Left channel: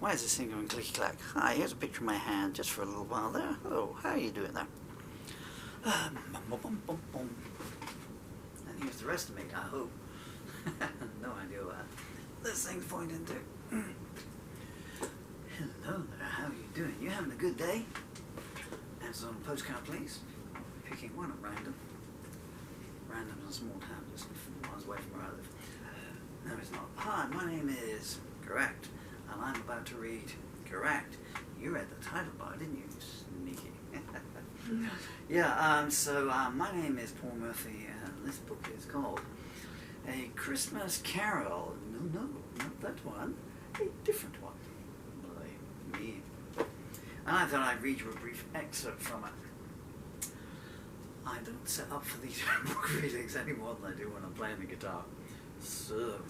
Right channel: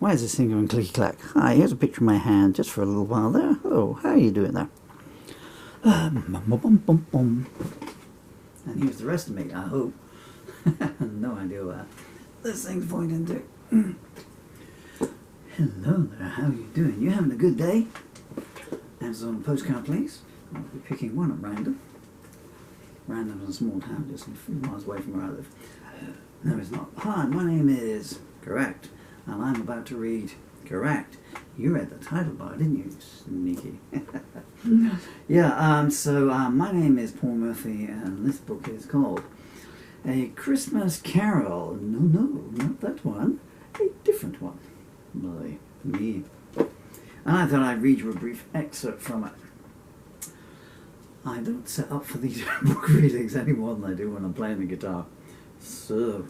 Why is this thing going clicky-clack? Hi, here's a picture of my hand just for a little while there. Hello, how are you doing there? And here's the rest of me, I hope. No idea what this thing's pointing to. Hello there, how are you doing? You having a good day? Answers on a postcard, please. I'll be picking one at random. Random is a small town just a few miles away from where I live. No, it's not. Hi, my name is... Correct. And I'm about to read... Correct. You read the title bar, didn't you? Sneaky. Yeah, my name is Paul Murphy, and this book is called A Christmas Carol. No, not that one. A different one. By me. And I thought I'd read you a brief excerpt from it. I don't set up for these book readings any more than I do when I'm playing the guitar. So,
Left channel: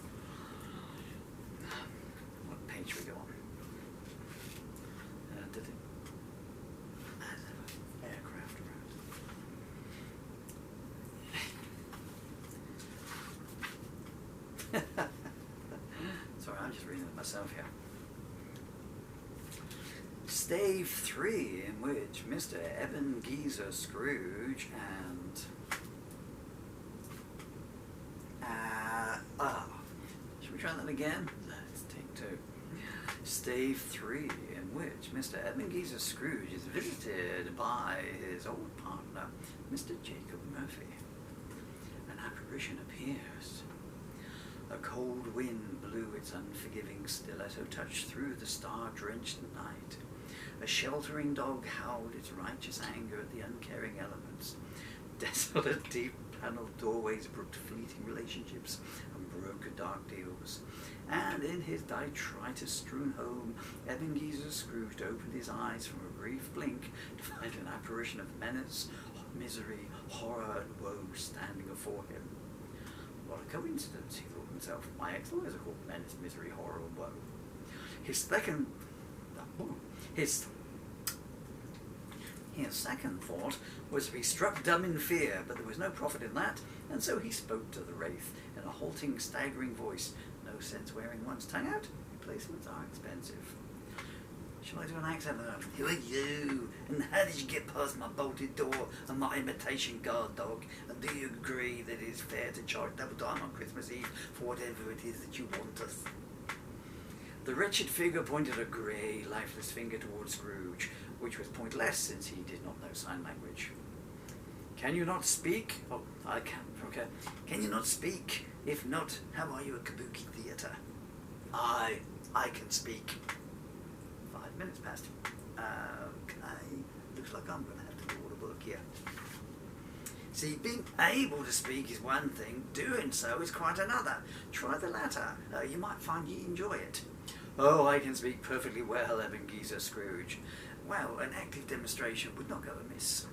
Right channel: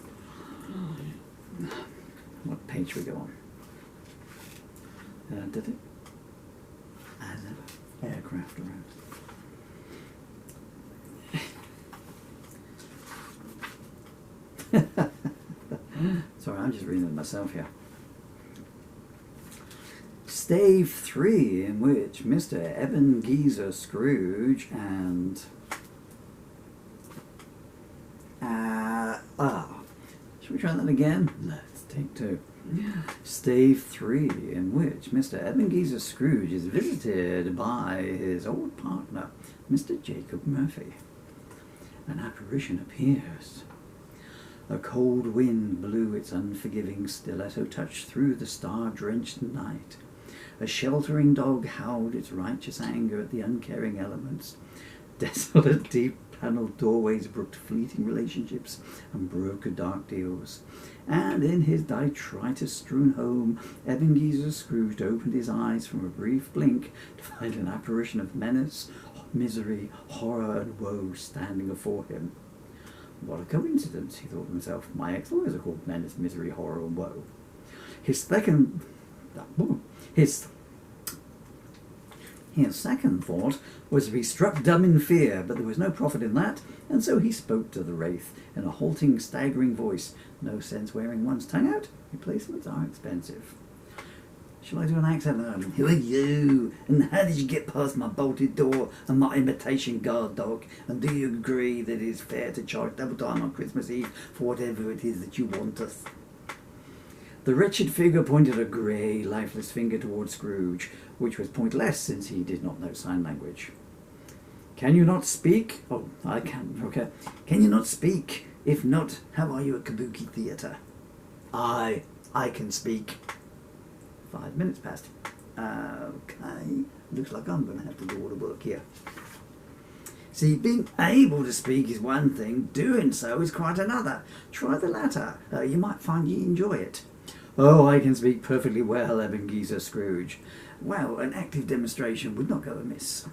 what page we go on? Did it? As ever, aircraft around. Sorry, I'm just reading it myself here. Stave 3, in which Mr. Ebengeezer Scrooge and... Should we try that again? Let's take two. Stave 3, in which Mr. Ebengeezer Scrooge is visited by his old partner, Mr. Jacob Murphy. An apparition appears. A cold wind blew its unforgiving stiletto touch through the star-drenched night. A sheltering dog howled its righteous anger at the uncaring elements. Desolate, deep-panelled doorways brooked fleeting relationships and brokered dark deals. And in his detritus-strewn home, Ebengeezer Scrooge opened his eyes from a brief blink to find an apparition of menace, misery, horror, and woe standing before him. What a coincidence, he thought to himself. My ex-lawyers are called menace, misery, horror, and woe. His second thought was to be struck dumb in fear, but there was no profit in that, and so he spoke to the wraith in a halting, staggering voice. No sense wearing one's tongue out. Replacements are expensive. Shall I do an accent? Who are you? And how did you get past my bolted door and my imitation guard dog? And do you agree that it is fair to charge double time on Christmas Eve for whatever it is that you want us? The wretched figure pointed a grey, lifeless finger towards Scrooge, which was pointless since he did not know sign language. Can you not speak? Oh, I can. Okay. Can you not speak? If not, how are you at Kabuki Theatre? I can speak. 5 minutes passed. Okay. Looks like I'm going to have to do all the work here. See, being able to speak is one thing. Doing so is quite another. Try the latter. You might find you enjoy it. Oh, I can speak perfectly well, Ebengeezer Scrooge. Well, an active demonstration would not go amiss.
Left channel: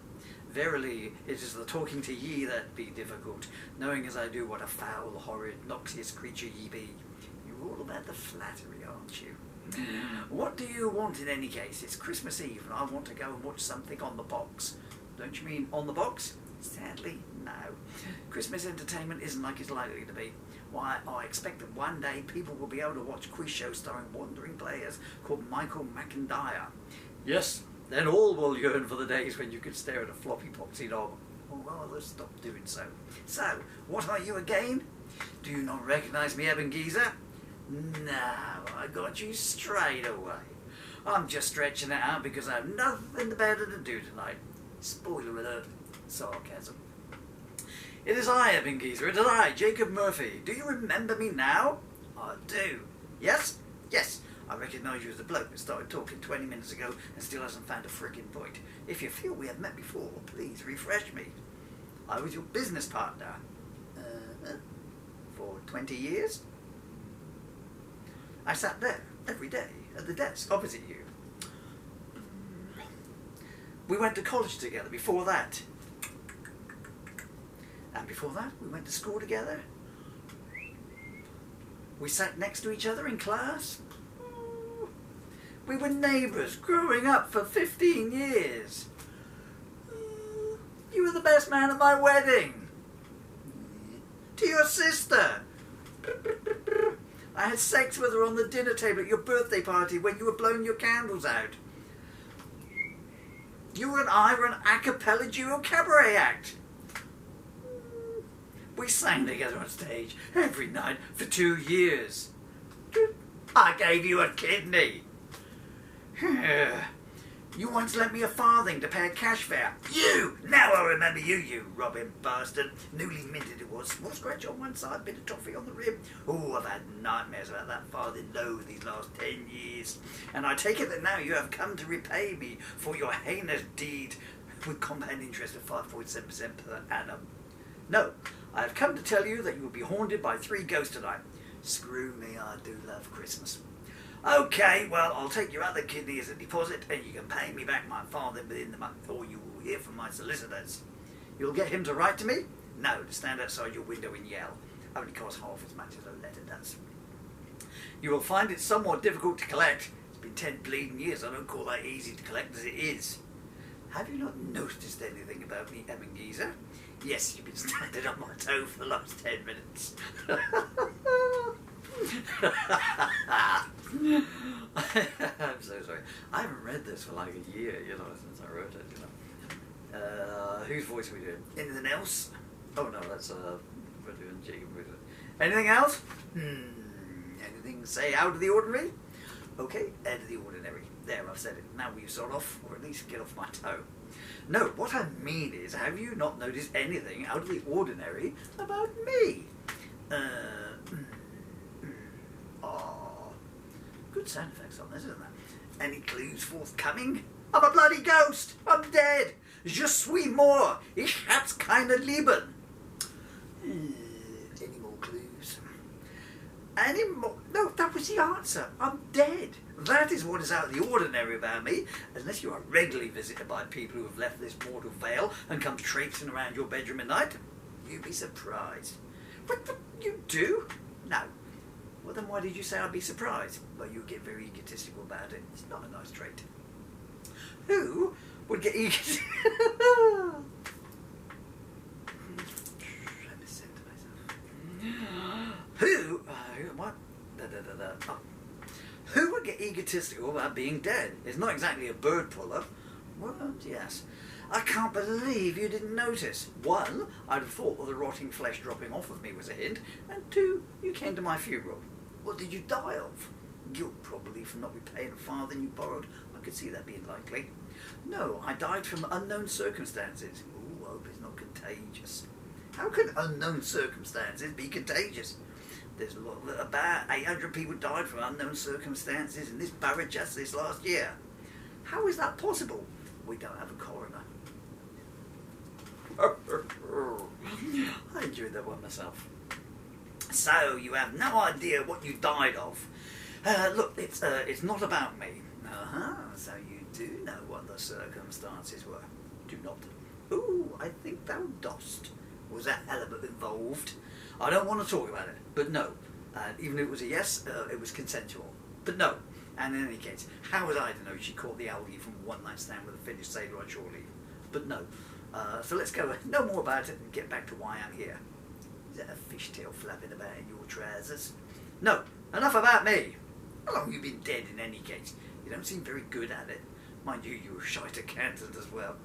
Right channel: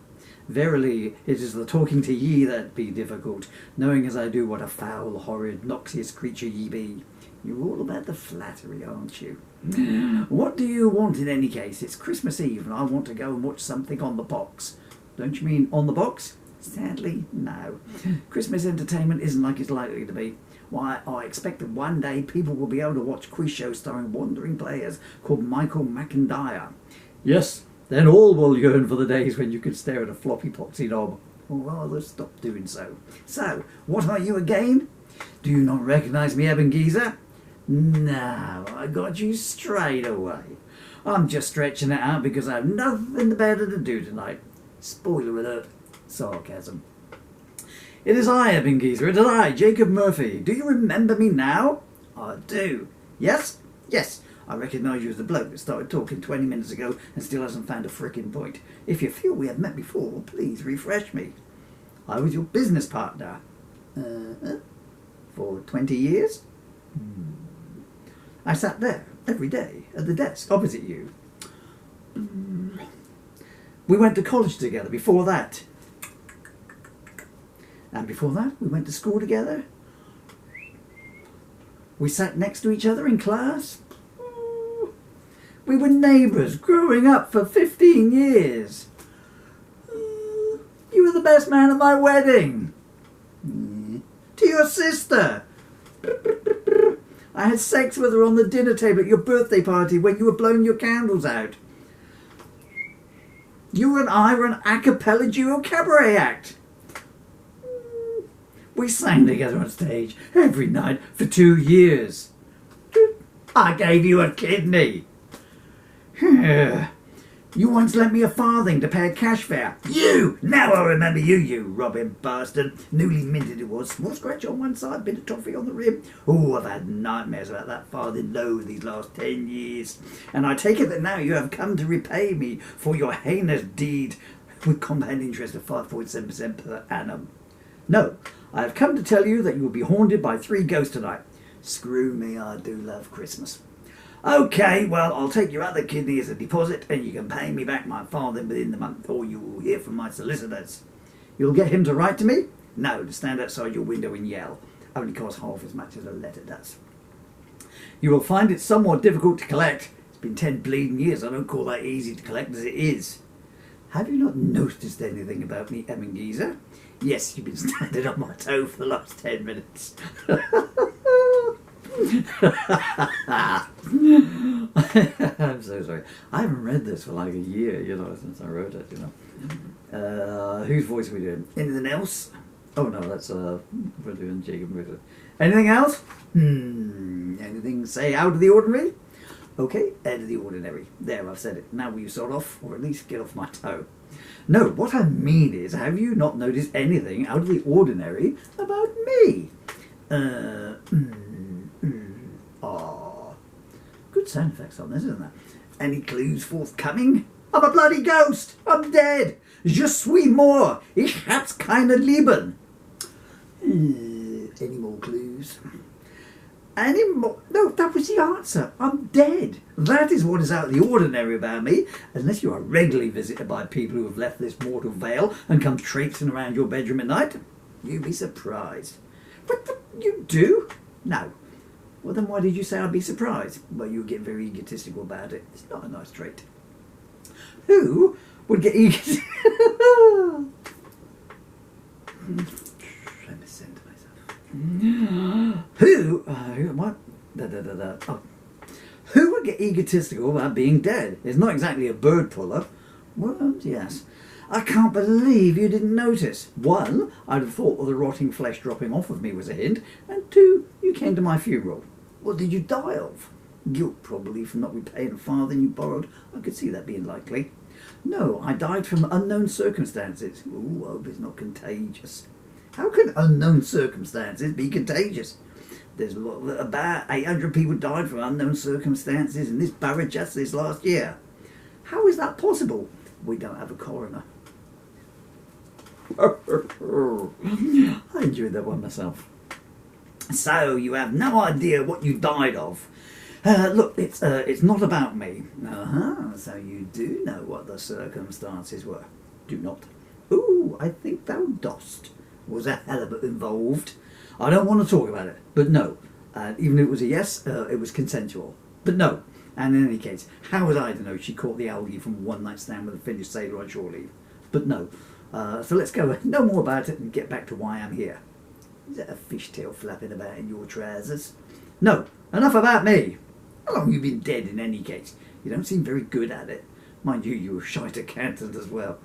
Verily, it is the talking to ye that be difficult, knowing as I do what a foul, horrid, noxious creature ye be. You're all about the flattery, aren't you? What do you want in any case? It's Christmas Eve and I want to go and watch something on the box. Don't you mean on the box? Sadly, no. Christmas entertainment isn't like it's likely to be. Why, I expect that one day people will be able to watch quiz shows starring wandering players called Michael McIntyre. Yes, then all will yearn for the days when you could stare at a floppy poxy knob. Or rather, stop doing so. So, what are you again? Do you not recognise me, Ebengeezer? No, I got you straight away. I'm just stretching it out because I have nothing better to do tonight. Spoiler alert. Sarcasm. It is I, Ebengeezer. It is I, Jacob Murphy. Do you remember me now? I do. Yes? Yes. I recognise you as the bloke that started talking 20 minutes ago and still hasn't found a frickin' point. If you feel we have met before, please refresh me. I was your business partner. For 20 years? I sat there every day at the desk opposite you. We went to college together before that. And before that, we went to school together. We sat next to each other in class. We were neighbours growing up for 15 years. You were the best man at my wedding. To your sister. I had sex with her on the dinner table at your birthday party when you were blowing your candles out. You and I were an a cappella duo cabaret act. We sang together on stage every night for 2 years. I gave you a kidney. You once lent me a farthing to pay a cash fare. You! Now I remember you, you robbing bastard. Newly minted it was. Small scratch on one side, bit of toffee on the rim. Oh, I've had nightmares about that farthing low these last 10 years. And I take it that now you have come to repay me for your heinous deed with compound interest of 5.7% per annum. No, I have come to tell you that you will be haunted by 3 ghosts tonight. Screw me, I do love Christmas. Okay, well, I'll take your other kidney as a deposit and you can pay me back my farthing within the month, or you will hear from my solicitors. You'll get him to write to me? No, to stand outside your window and yell. Only costs half as much as a letter does. You will find it somewhat difficult to collect. It's been 10 bleeding years. I don't call that easy to collect as it is. Have you not noticed anything about me, Ebengeezer? Yes, you've been standing on my toe for the last 10 minutes. I'm so sorry. I haven't read this for like a year, since I wrote it, Whose voice are we doing? Anything else? Oh no, that's we're doing Jacob Ritter. Anything else? Anything, say, out of the ordinary? Okay, out of the ordinary. There, I've said it. Now will you sort off, or at least get off my toe? No, what I mean is, have you not noticed anything out of the ordinary about me? Good sound effects on this, isn't there? Any clues forthcoming? I'm a bloody ghost! I'm dead! Je suis mort! Ich hab's keine Leben! Any more clues? Any more? No, that was the answer. I'm dead. That is what is out of the ordinary about me, unless you are regularly visited by people who have left this mortal veil and come traipsing around your bedroom at night. You'd be surprised. What, you do? No. Well, then why did you say I'd be surprised? Well, you get very egotistical about it. It's not a nice trait. Who would get egotistical? Let me send to myself. Who would get egotistical about being dead? It's not exactly a bird puller. Well, yes. I can't believe you didn't notice. 1, I'd have thought that the rotting flesh dropping off of me was a hint, and 2, you came to my funeral. What did you die of? Guilt, probably, from not repaying a farthing you borrowed. I could see that being likely. No, I died from unknown circumstances. Ooh, I hope it's not contagious. How can unknown circumstances be contagious? There's about 800 people died from unknown circumstances in this borough just this last year. How is that possible? We don't have a coroner. I enjoyed that one myself. So you have no idea what you died of. Look, it's not about me. So you do know what the circumstances were. Do not. Ooh, I think thou dost. Was a halibut involved? I don't want to talk about it, but no. Even if it was a yes, it was consensual. But no. And in any case, how was I to know she caught the algae from a one-night stand with a Finnish sailor on shore leave? But no. So let's go no more about it and get back to why I'm here. Is that a fishtail flapping about in your trousers? No. Enough about me. How long have you been dead in any case? You don't seem very good at it. Mind you, you were shite accountant as well.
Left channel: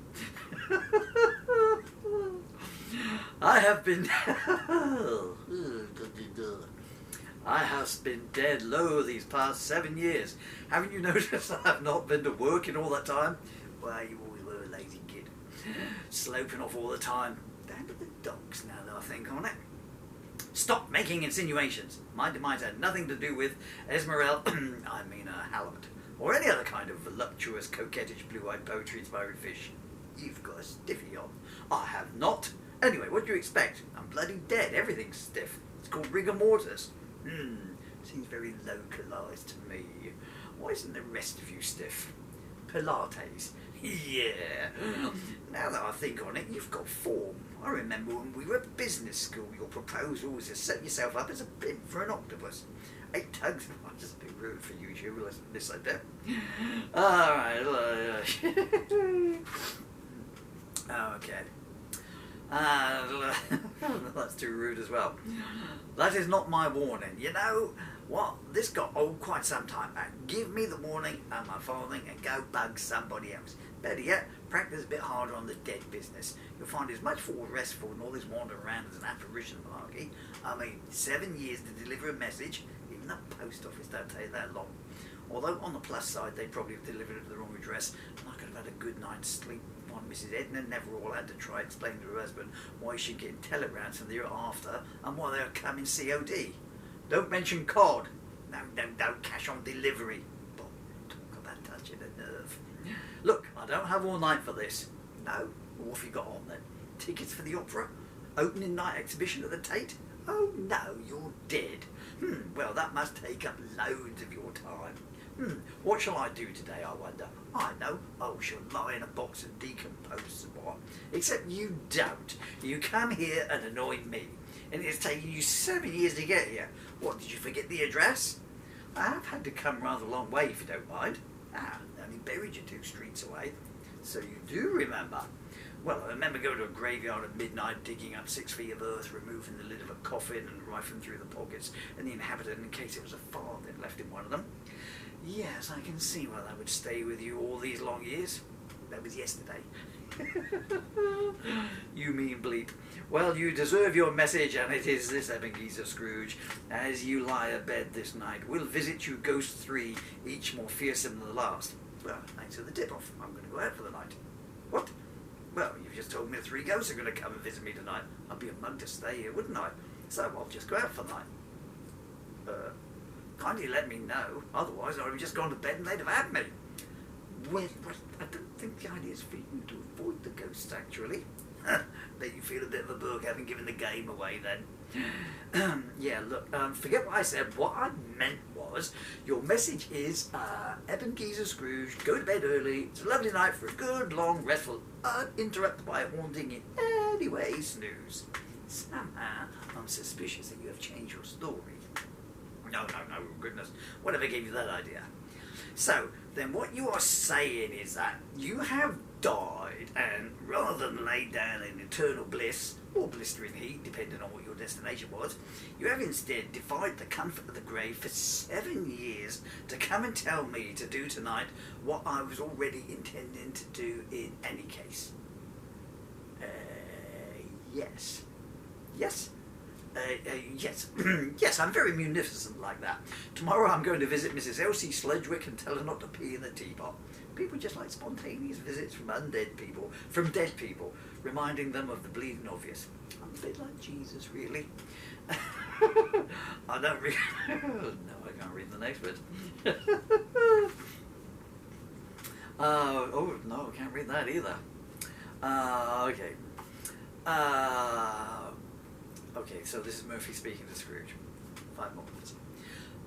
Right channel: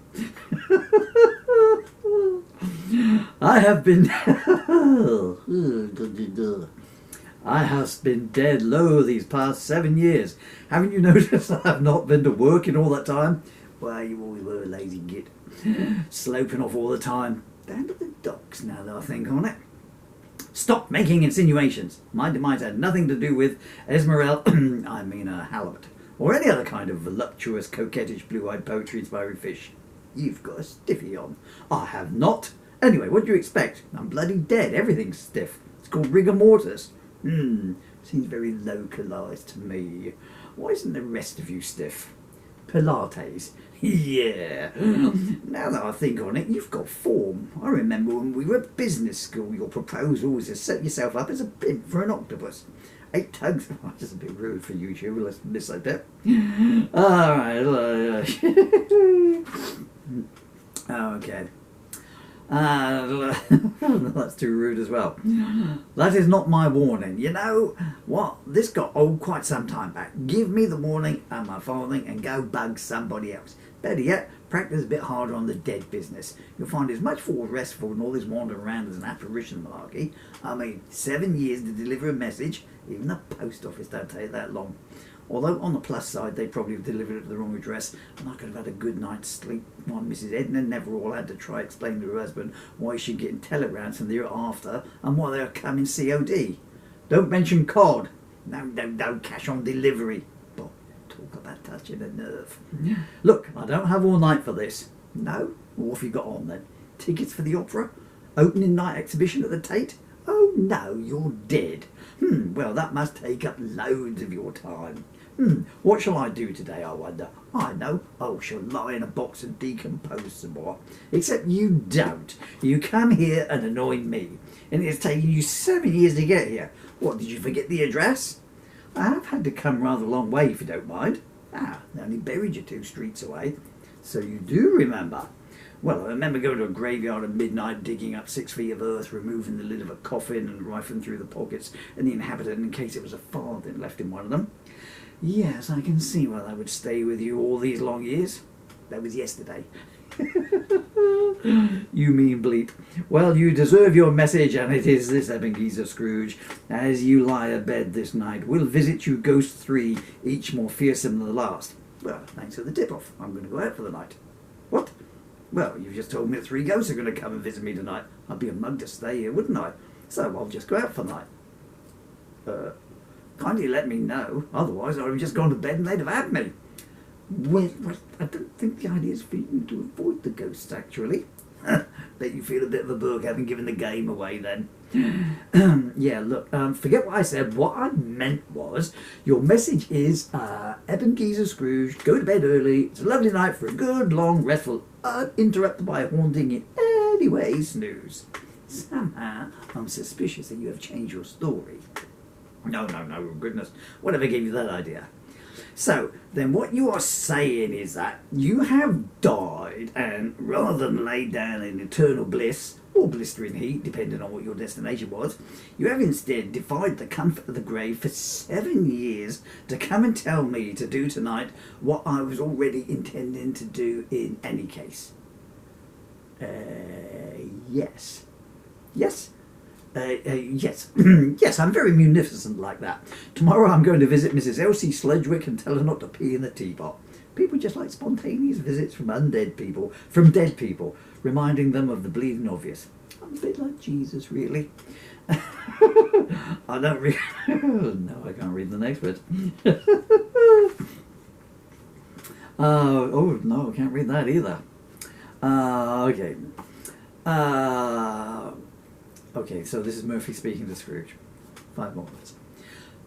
I have been dead low these past 7 years. Haven't you noticed I have not been to work in all that time? Well, you always were a lazy git. Sloping off all the time. Down to the docks now that I think on it. Stop making insinuations. My demise had nothing to do with Esmeralda, halibut, or any other kind of voluptuous, coquettish, blue-eyed poetry-inspiring fish. You've got a stiffy on. I have not. Anyway, what do you expect? I'm bloody dead. Everything's stiff. It's called rigor mortis. Seems very localised to me. Why isn't the rest of you stiff? Pilates. Yeah. Now that I think on it, you've got form. I remember when we were at business school, your proposal was to set yourself up as a pimp for an octopus. 8 tugs. Oh, that's just a bit rude for you, Hugh. Let's miss that bit. All right. Okay. That's too rude as well. That is not my warning. You know what? This got old quite some time back. Give me the warning and my farthing and go bug somebody else. Better yet, practice a bit harder on the dead business. You'll find it's much more restful than all this wandering around as an apparition malarkey. I mean, 7 years to deliver a message. Even the post office don't take that long. Although, on the plus side, they probably have delivered it to the wrong address, and I could have had a good night's sleep while Mrs. Edna never all had to try explaining to her husband why she's getting telegrams from the year after and why they're coming COD. Don't mention cod. No, cash on delivery. But talk about touching a nerve. Look, I don't have all night for this. No? What have you got on then? Tickets for the opera? Opening night exhibition at the Tate? Oh no, you're dead. Well, that must take up loads of your time. What shall I do today, I wonder? I know. Oh, she'll lie in a box and decompose some more. Except you don't. You come here and annoy me. And it's taken you 7 years to get here. What, did you forget the address? I have had to come rather a long way, if you don't mind. I only buried you 2 streets away. So you do remember. Well, I remember going to a graveyard at midnight, digging up 6 feet of earth, removing the lid of a coffin and rifling through the pockets and the inhabitant in case it was a farthing left in one of them. Yes, I can see why that would stay with you all these long years. That was yesterday. You mean bleep. Well, you deserve your message, and it is this, Ebengeezer Scrooge. As you lie abed this night, we'll visit you ghosts 3, each more fearsome than the last. Well, thanks for the tip-off. I'm going to go out for the night. What? Well, you've just told me that 3 ghosts are going to come and visit me tonight. I'd be a mug to stay here, wouldn't I? So I'll just go out for the night. Kindly let me know. Otherwise, I'd have just gone to bed and they'd have had me. Well, I don't think the idea is for you to avoid the ghosts, actually. Bet you feel a bit of a bug having given the game away then. Yeah, look, forget what I said. What I meant was, your message is, Ebengeezer Scrooge, go to bed early. It's a lovely night for a good, long, restful, uninterrupted by a haunting in any way snooze. Somehow, I'm suspicious that you have changed your story. No, goodness. Whatever gave you that idea? So, then what you are saying is that you have died, and rather than lay down in eternal bliss, or blistering heat, depending on what your destination was, you have instead defied the comfort of the grave for 7 years to come and tell me to do tonight what I was already intending to do in any case. Yes. Yes? Yes. Yes, I'm very munificent like that. Tomorrow I'm going to visit Mrs. Elsie Sledgwick and tell her not to pee in the teapot. People just like spontaneous visits from dead people, reminding them of the bleeding obvious. I'm a bit like Jesus, really. I don't read... No, I can't read the next bit. Oh, no, I can't read that either. Okay. Okay, so this is Murphy speaking to Scrooge. 5 more minutes.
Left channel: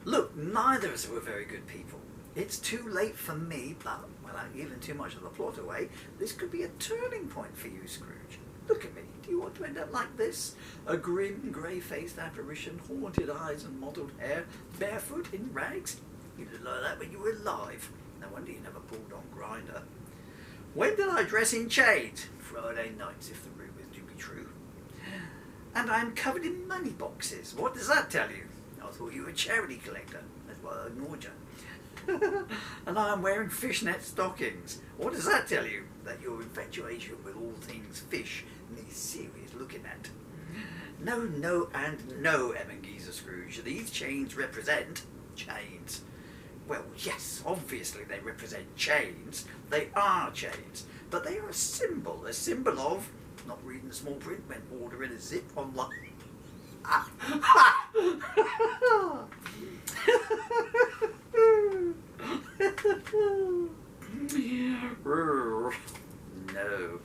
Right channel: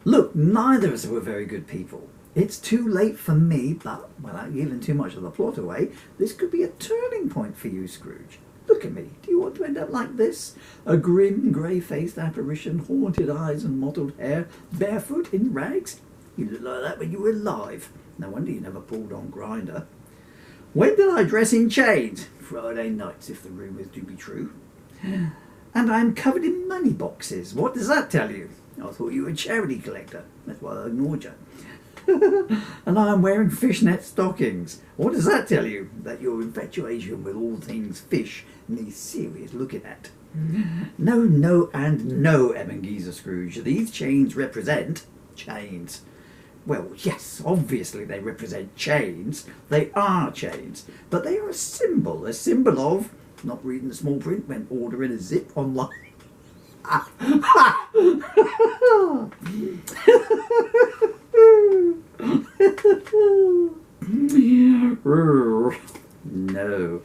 Look, neither of us were very good people. It's too late for me, but without giving too much of the plot away, this could be a turning point for you, Scrooge. Look at me. Do you want to end up like this? A grim, grey-faced apparition, haunted eyes and mottled hair, barefoot in rags? You looked like that when you were alive. No wonder you never pulled on Grinder. When did I dress in chains? Friday nights, if the rumours do be true. And I'm covered in money boxes. What does that tell you? I thought you were a charity collector. That's why I ignored you. And I'm wearing fishnet stockings. What does that tell you? That your infatuation with all things fish needs serious looking at. No, and no, Ebengeezer Scrooge. These chains represent chains. Well, yes, obviously they represent chains. They are chains. But they are a symbol of not reading the small print when ordering a zip online. No.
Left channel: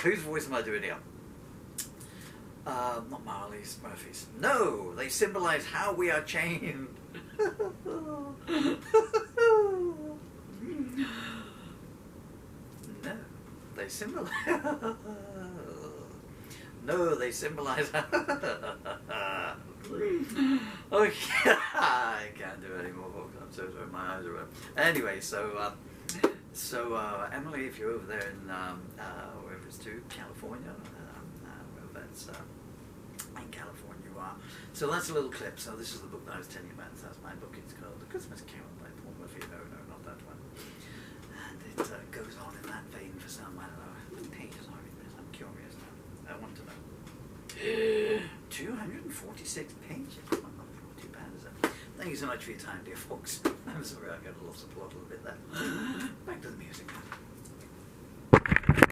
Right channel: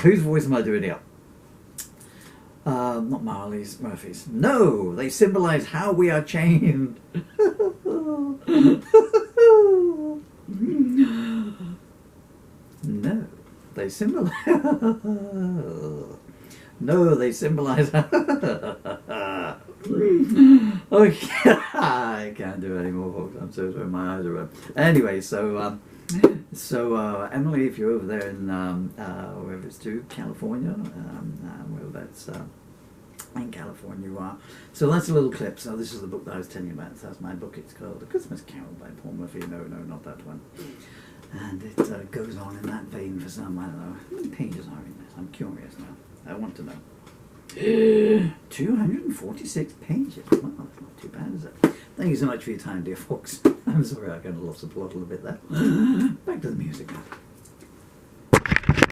Whose voice am I doing here? Not Marley's, Murphy's. No, they symbolise how we are chained. No, they symbolise... No, they symbolise... Okay, I can't do it anymore, folks. I'm so sorry, my eyes are red. Anyway, so, So, Emily, if you're over there in wherever it's to, California, wherever that's in California you are. So that's a little clip. So this is the book that I was telling you about. So that's my book. It's called A Christmas Carol by Paul Murphy. No, not that one. And it goes on in that vein for some, I don't know. How many pages are in this? I'm curious now. I want to know. 246 pages. Well, that's not too bad, is it? Thank you so much for your time, dear folks. I'm sorry I kind of lost the plot a little bit there. Back to the music now.